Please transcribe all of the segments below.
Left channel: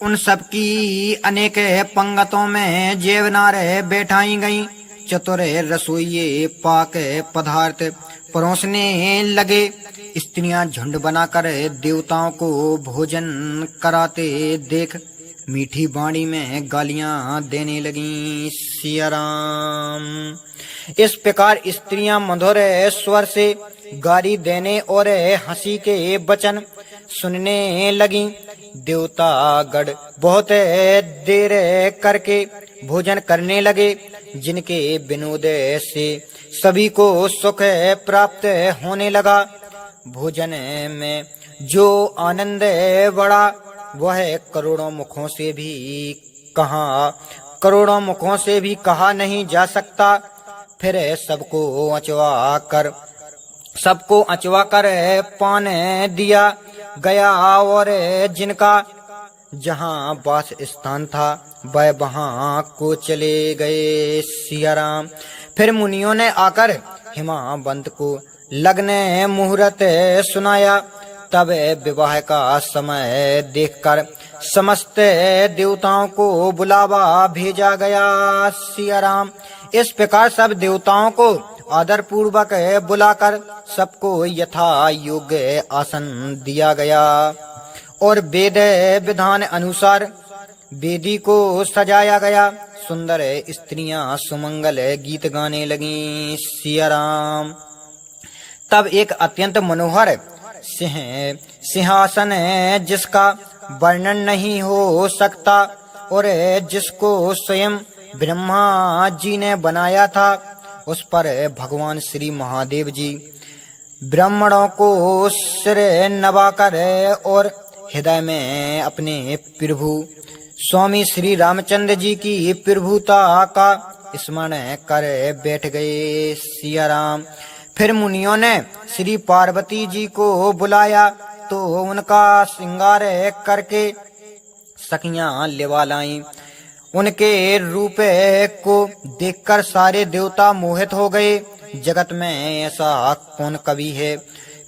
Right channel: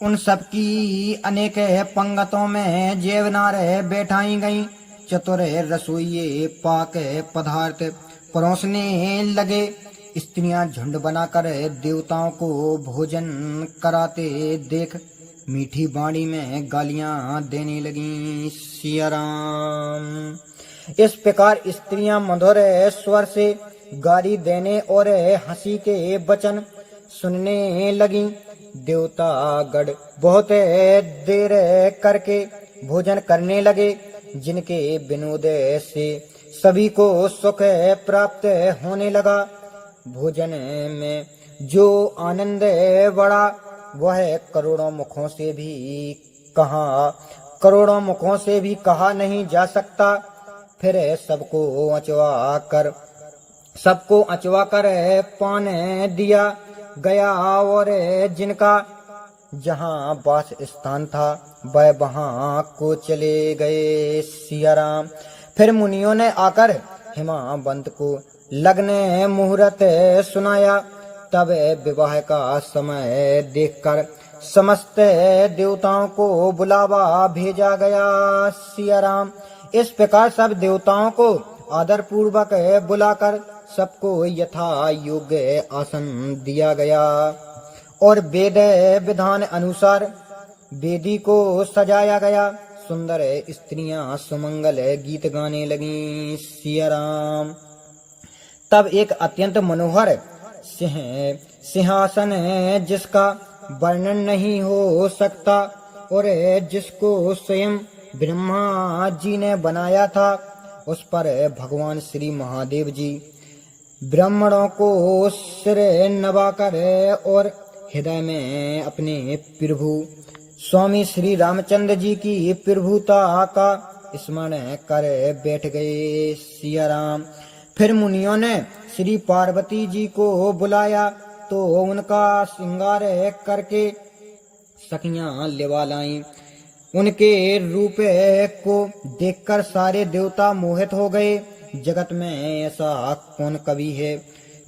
उन सब की अनेक पंगतों में जेवनार बैठाई गई। चतुर रसोइये पाक पदार्थ परोसने लगे। स्त्रियां झुंड बनाकर देवताओं को भोजन कराते देख मीठी बाणी में गालियां देने लगीं। सिया राम। इस प्रकार स्त्रियां मधुर स्वर से गाली देने और हंसी के वचन सुनने लगी। देवतागण बहुत देर करके भोजन करने लगे, जिनके विनोद से सभी को सुख प्राप्त होने लगा। भोजन में जो आनंद बढ़ा वह करोड़ों मुखों से भी कहा नहीं जा सकता। फिर सबको अचवा कर पान दिया गया और जिनका जहाँ वास स्थान था वह वहाँ को चले गए। सिया राम। फिर मुनियों ने आकर हिमावंत को लगने मुहूर्त सुनाया। तब विवाह का समय देखकर समस्त देवताओं को बुलावा भेजा गया। सिया राम। इस प्रकार सब देवताओं को आदर पूर्वक बुलाकर सबको यथा योग्य आसन दिया गया और वेद विधान अनुसार वेदी को सजाया गया। सुंदर स्त्रियां सुमंगल गीत गाने लगीं। सिया राम। तब एक अत्यंत मनोहर सिंहासन है, जिसका वर्णन नहीं हो सकता और जिसको स्वयं ब्रह्मा जी ने बनाया था, उस पर भगवान श्री महादेव जी ब्राह्मणों को सिर नवाकर और हृदय में अपने प्रभु स्वामी श्री रामचंद्र जी की प्रभुता का स्मरण कर बैठ गए। सिया राम। फिर मुनियों ने श्री पार्वती जी को बुलाया तो उनका श्रृंगार करके सखियां लेवा लाईं। उनके रूप को देखकर सारे देवता मोहित हो गए। जगत में ऐसा कौन कवि है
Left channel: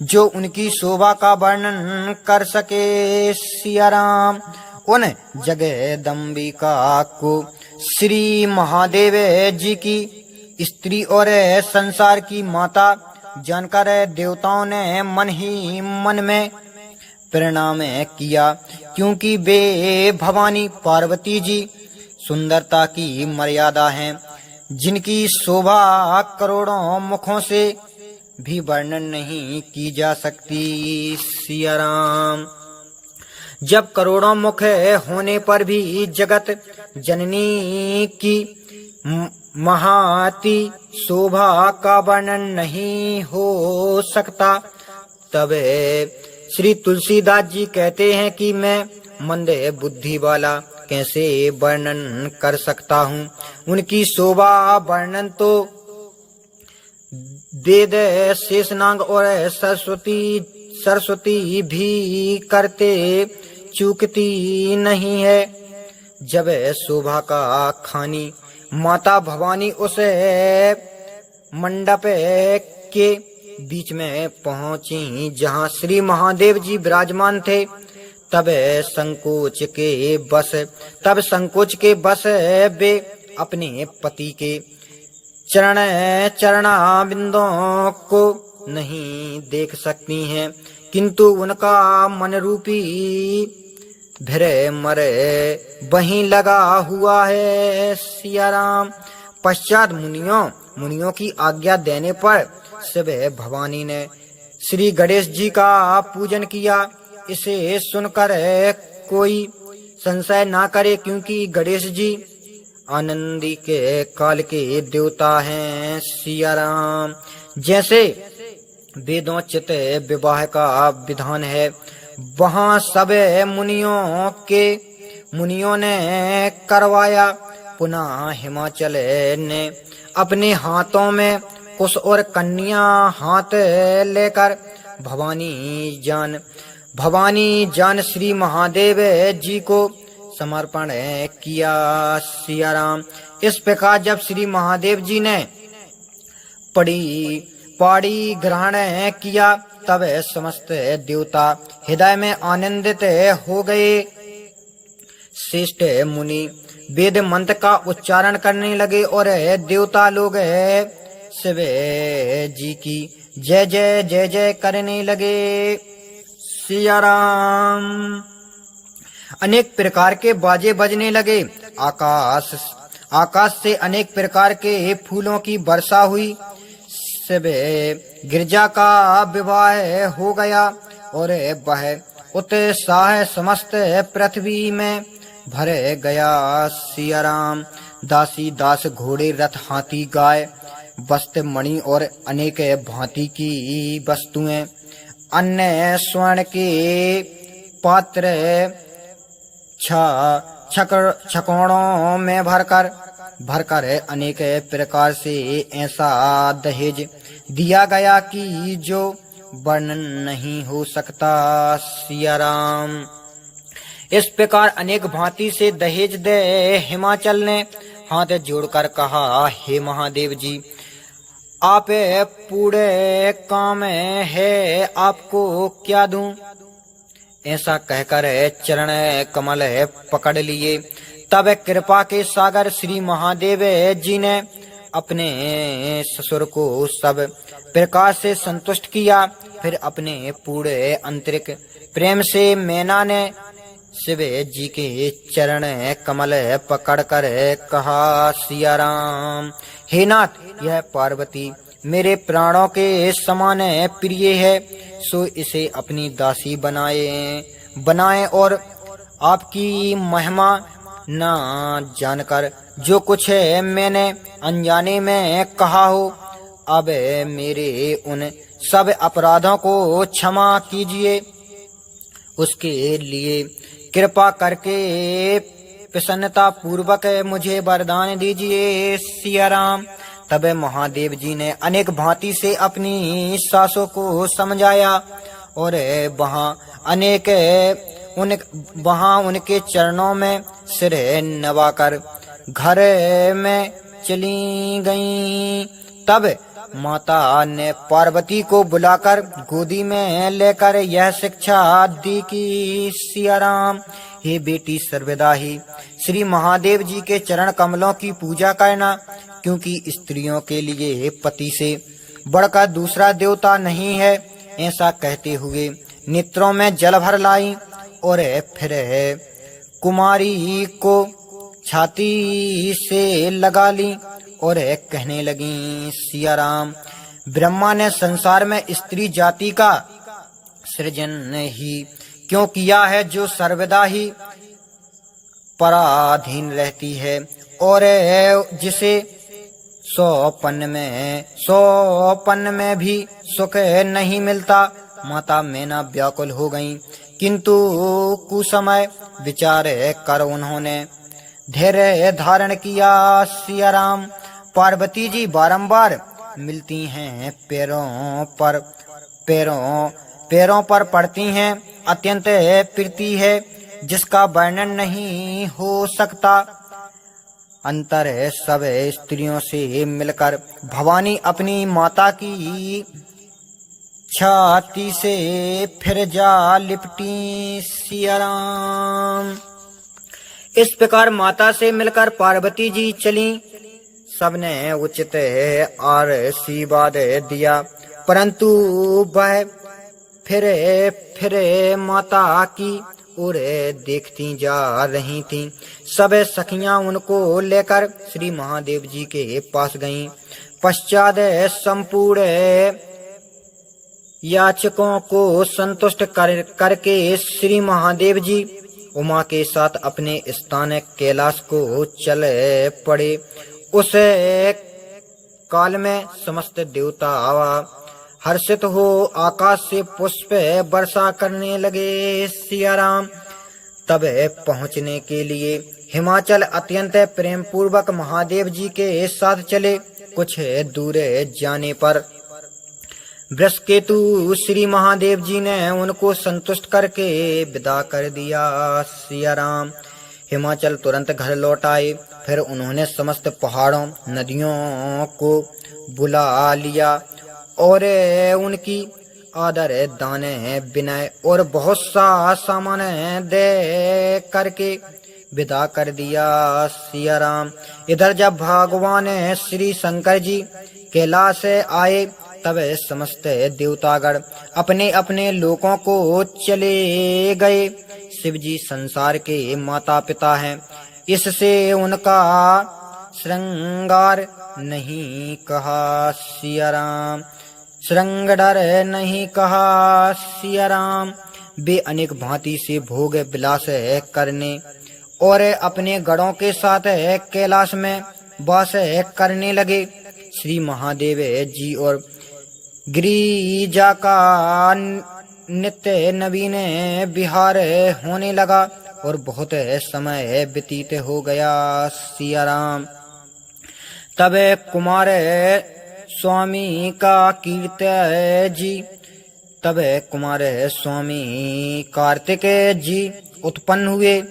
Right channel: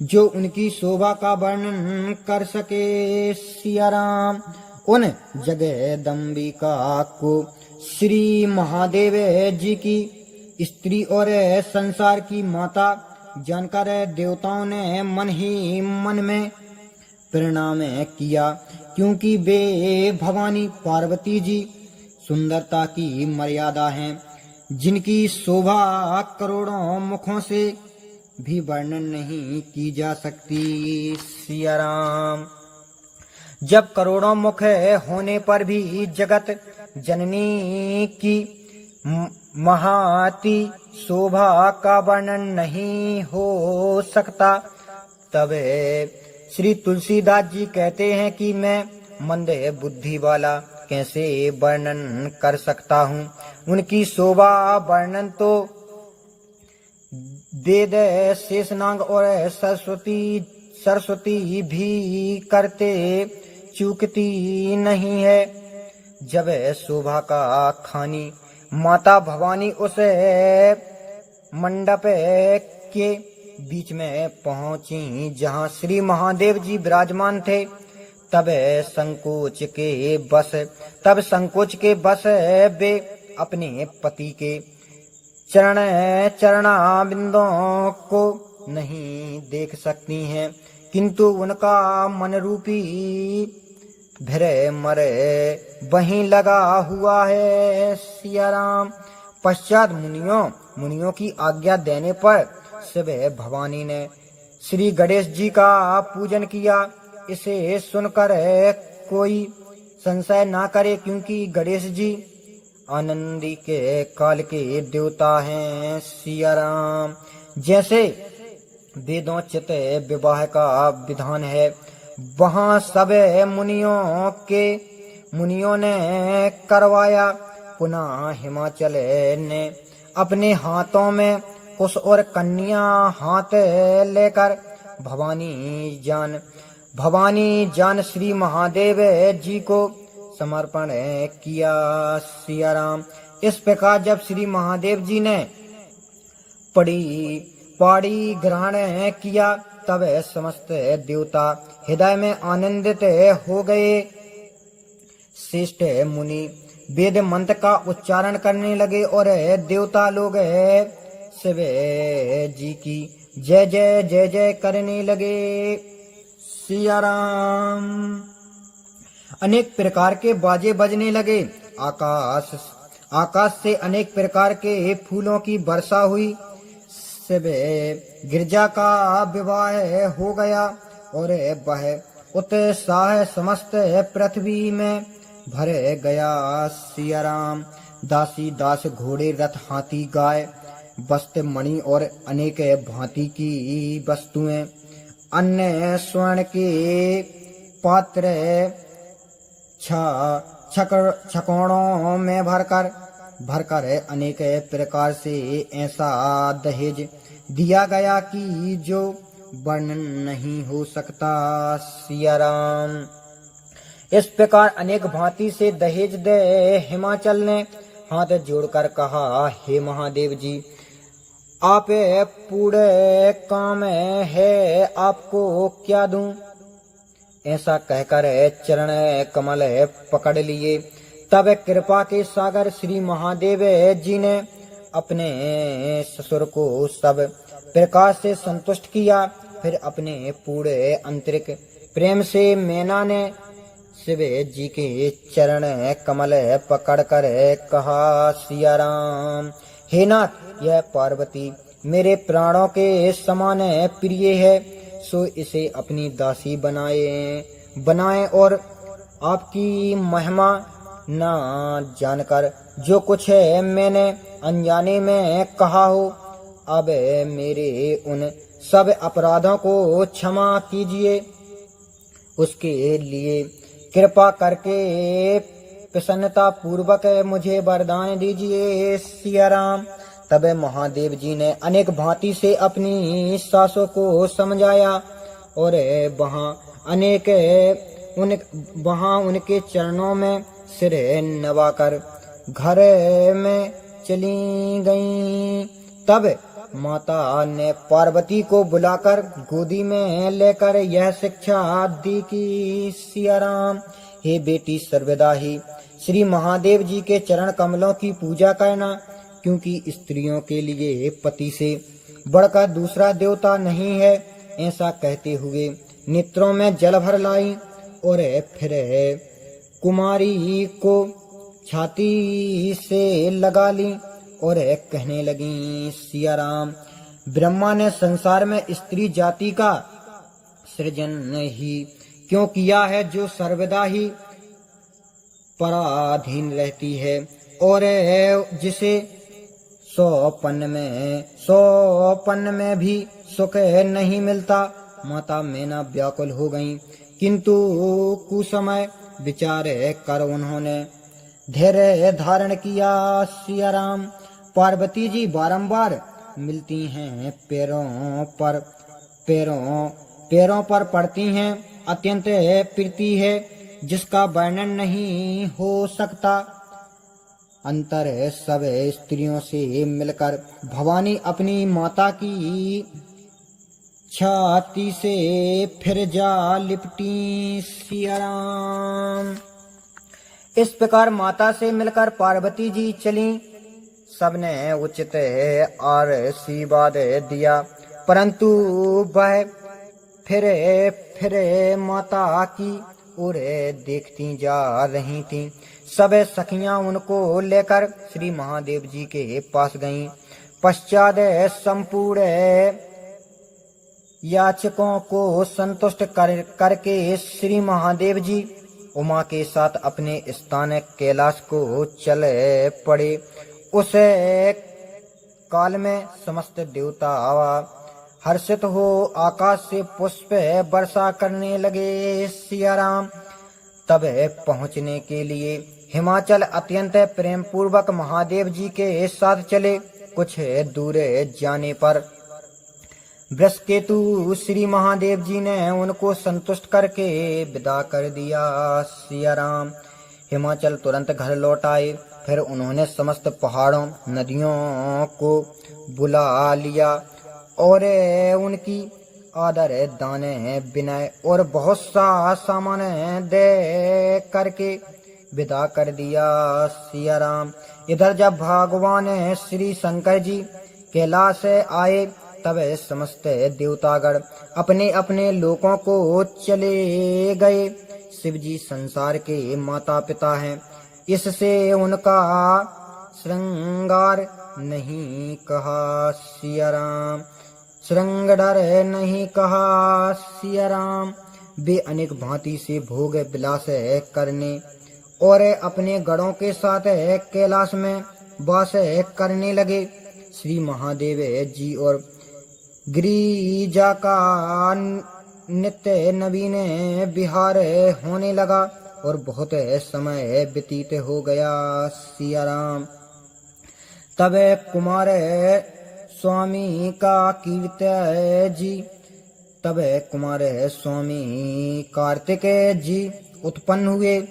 जो उनकी शोभा का वर्णन कर सके। सिया राम। उन जगदम्बिका को श्री महादेव जी की स्त्री और संसार की माता जानकर देवताओं ने मन ही मन में प्रणाम किया, क्योंकि वे भवानी पार्वती जी सुंदरता की मर्यादा हैं, जिनकी शोभा करोड़ों मुखों से भी वर्णन नहीं की जा सकती। सिया राम। जब करोड़ों मुख होने पर भी जगत जननी की महाती शोभा का वर्णन नहीं हो सकता, तब श्री तुलसीदास जी कहते हैं कि मैं मंद बुद्धि वाला कैसे वर्णन कर सकता हूँ। उनकी शोभा वर्णन तो वेद शेषनाग और सरस्वती भी करते चूकती नहीं है। जब शोभा का खानी माता भवानी उस मंडप के बीच में पहुंची जहां श्री महादेव जी विराजमान थे, तब संकोच के बस वे अपने पति के चरणाबिंदों को नहीं देख सकती हैं, किंतु उनका मन रूपी भ्रमर वहीं लगा हुआ है। सिया राम। पश्चात मुनियों की आज्ञा देने पर शिव भवानी ने श्री गणेश जी का पूजन किया। इसे सुनकर कोई संशय ना करे, क्योंकि गणेश जी आनंदी के काल के देवता हैं। सिया राम। जैसे वेदोचित विवाह का विधान है, वहाँ सब मुनियों ने करवाया। पुनः हिमाचल ने अपने हाथों में कुश और कन्या हाथ लेकर भवानी जान श्री महादेव जी को समर्पण किया। सिया राम। इस प्रकार जब श्री महादेव जी ने पाड़ी ग्रहण किया, तब समस्त देवता हृदय में आनंदित हो गए। श्रेष्ठ मुनि वेद मंत्र का उच्चारण करने लगे और देवता लोग शिव जी की जय जय जय जय करने लगे। सिया राम। अनेक प्रकार के बाजे बजने लगे। आकाश से अनेक प्रकार के फूलों की वर्षा हुई। शिव गिरजा का विवाह हो गया और वह उत्साह समस्त पृथ्वी में भर गया। सिया राम। दासी दास घोड़े रथ हाथी गाय वस्त्र मणि और अनेक भांति की वस्तुएं अन्य स्वर्ण के पात्र छकोड़ों में भरकर अनेक प्रकार से ऐसा दहेज दिया गया कि जो वर्णन नहीं हो सकता। सिया राम। इस प्रकार अनेक भांति से दहेज दे हिमाचल ने हाथ जोड़कर कहा, हे महादेव जी, आप पूरे काम है, आपको क्या दूं? ऐसा कहकर चरण कमल पकड़ लिए। तब कृपा के सागर श्री महादेव जी ने अपने ससुर को सब प्रकार से संतुष्ट किया। फिर अपने पूरे आंतरिक प्रेम से मैना ने शिव जी के चरण कमल पकड़कर कहा, सिया राम, हे नाथ, यह पार्वती मेरे प्राणों के समान प्रिय है, सो इसे अपनी दासी बनाए और आपकी महिमा न जानकर जो कुछ मैंने अनजाने में कहा हो, अब मेरे उन सब अपराधों को क्षमा कीजिए। उसके लिए कृपा करके प्रसन्नता पूर्वक मुझे वरदान दीजिए। सिया राम। तब महादेव जी ने अनेक भांति से अपनी सासों को समझाया और वहां उनके चरणों में सिर नवाकर घर में चली गईं। तब माता ने पार्वती को बुलाकर गोदी में लेकर यह शिक्षा दी कि, सिया राम, हे बेटी, सर्वदा ही श्री महादेव जी के चरण कमलों की पूजा करना, क्योंकि स्त्रियों के लिए पति से बढ़कर दूसरा देवता नहीं है। ऐसा कहते हुए नेत्रों में जल भर लाई और फिर कुमारी को छाती से लगा ली और कहने लगी, सिया राम, ब्रह्मा ने संसार में स्त्री जाति का सृजन ही क्यों किया है, जो सर्वदा ही पराधीन रहती है और जिसे सौपन में भी सुख नहीं मिलता। माता मैना व्याकुल हो गईं, किंतु कुसमय विचार कर उन्होंने धैर्य धारण किया। सिया राम। पार्वती जी बारंबार मिलती हैं, पैरों पर पड़ती हैं, अत्यंत प्रीति है जिसका वर्णन नहीं हो सकता। अंतर सब स्त्रियों से मिलकर भवानी अपनी माता की छाती से फिर जा लिपटी। सिया राम। इस प्रकार माता से मिलकर पार्वती जी चली। सबने उचित आशीर्वाद दिया, परंतु वह फिर माता की ओर देखती जा रही थीं। सब सखियां उनको लेकर श्री महादेव जी के पास गईं। पश्चात संपूर्ण याचकों को संतुष्ट करके श्री महादेव जी उमा के साथ अपने स्थान कैलाश को चले पड़े। उस काल में समस्त देवता हर्षित हो आकाश से पुष्प वर्षा करने लगे। सिया राम। तब पहुँचने के लिए हिमाचल अत्यंत प्रेम पूर्वक महादेव जी के साथ चले। कुछ दूर जाने पर वृषकेतु श्री महादेव जी ने उनको संतुष्ट करके विदा कर दिया। सिया राम। हिमाचल तुरंत घर लौट आए। फिर उन्होंने समस्त पहाड़ों नदियों को बुला लिया और उनकी आदर दाने विनय और बहुत सा सामान दे करके विदा कर दिया सिया राम। इधर जब भगवान श्री शंकर जी कैलाश आए तब समस्त देवतागण अपने अपने लोकों को चले गए। शिव जी संसार के माता पिता हैं, इससे उनका श्रृंगार नहीं कहा सिया राम, श्रृंगार नहीं कहा सिया राम। वे अनेक भांति से भोग विलास करने और अपने गणों के साथ कैलाश में वास करने लगे। श्री महादेव जी और गिरिजा का नित्य नवीन विहार होने लगा और बहुत समय व्यतीत हो गया सिया राम। तब कुमार स्वामी का कीर्ति जी तब कुमार स्वामी कार्तिक जी उत्पन्न हुए,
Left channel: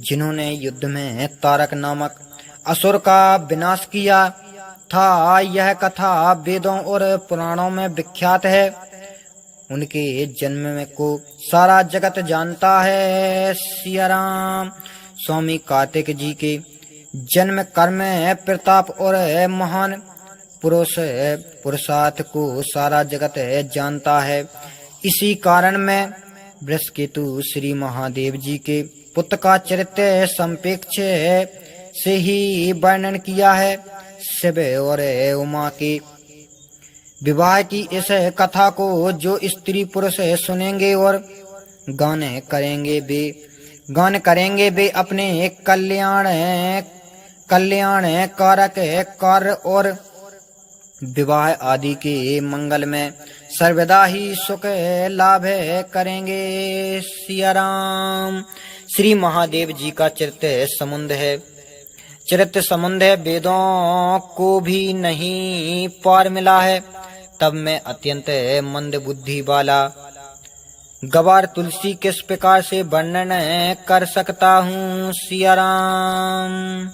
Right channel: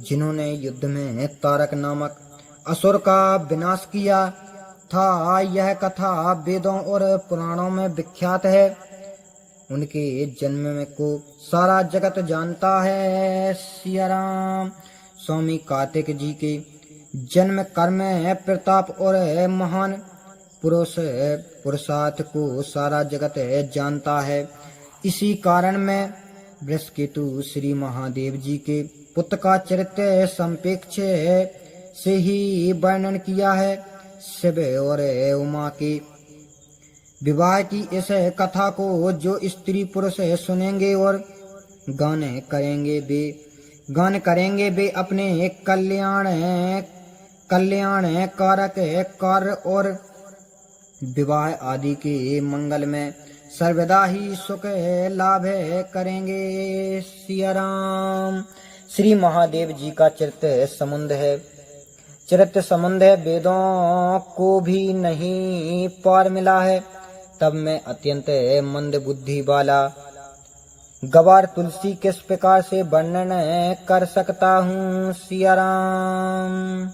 जिन्होंने युद्ध में तारक नामक असुर का विनाश किया था। यह कथा वेदों और पुराणों में विख्यात है। उनके जन्म को सारा जगत जानता है सिया राम। स्वामी कार्तिक जी के जन्म कर्म प्रताप और महान पुरुषार्थ को सारा जगत जानता है। इसी कारण में वृषकेतु श्री महादेव जी के पुत्र का चरित्र संपेक्ष से ही वर्णन किया है। शिव और उमा के विवाह की इस कथा को जो स्त्री पुरुष सुनेंगे और गान करेंगे वे अपने कल्याण कारक कार्य और विवाह आदि के मंगल में सर्वदा ही सुख लाभ करेंगे सिया राम। श्री महादेव जी का चरित्र समुद्र है, वेदों को भी नहीं पार मिला है। तब मैं अत्यंत मंद बुद्धि वाला गवार तुलसी किस प्रकार से वर्णन कर सकता हूँ सिया राम।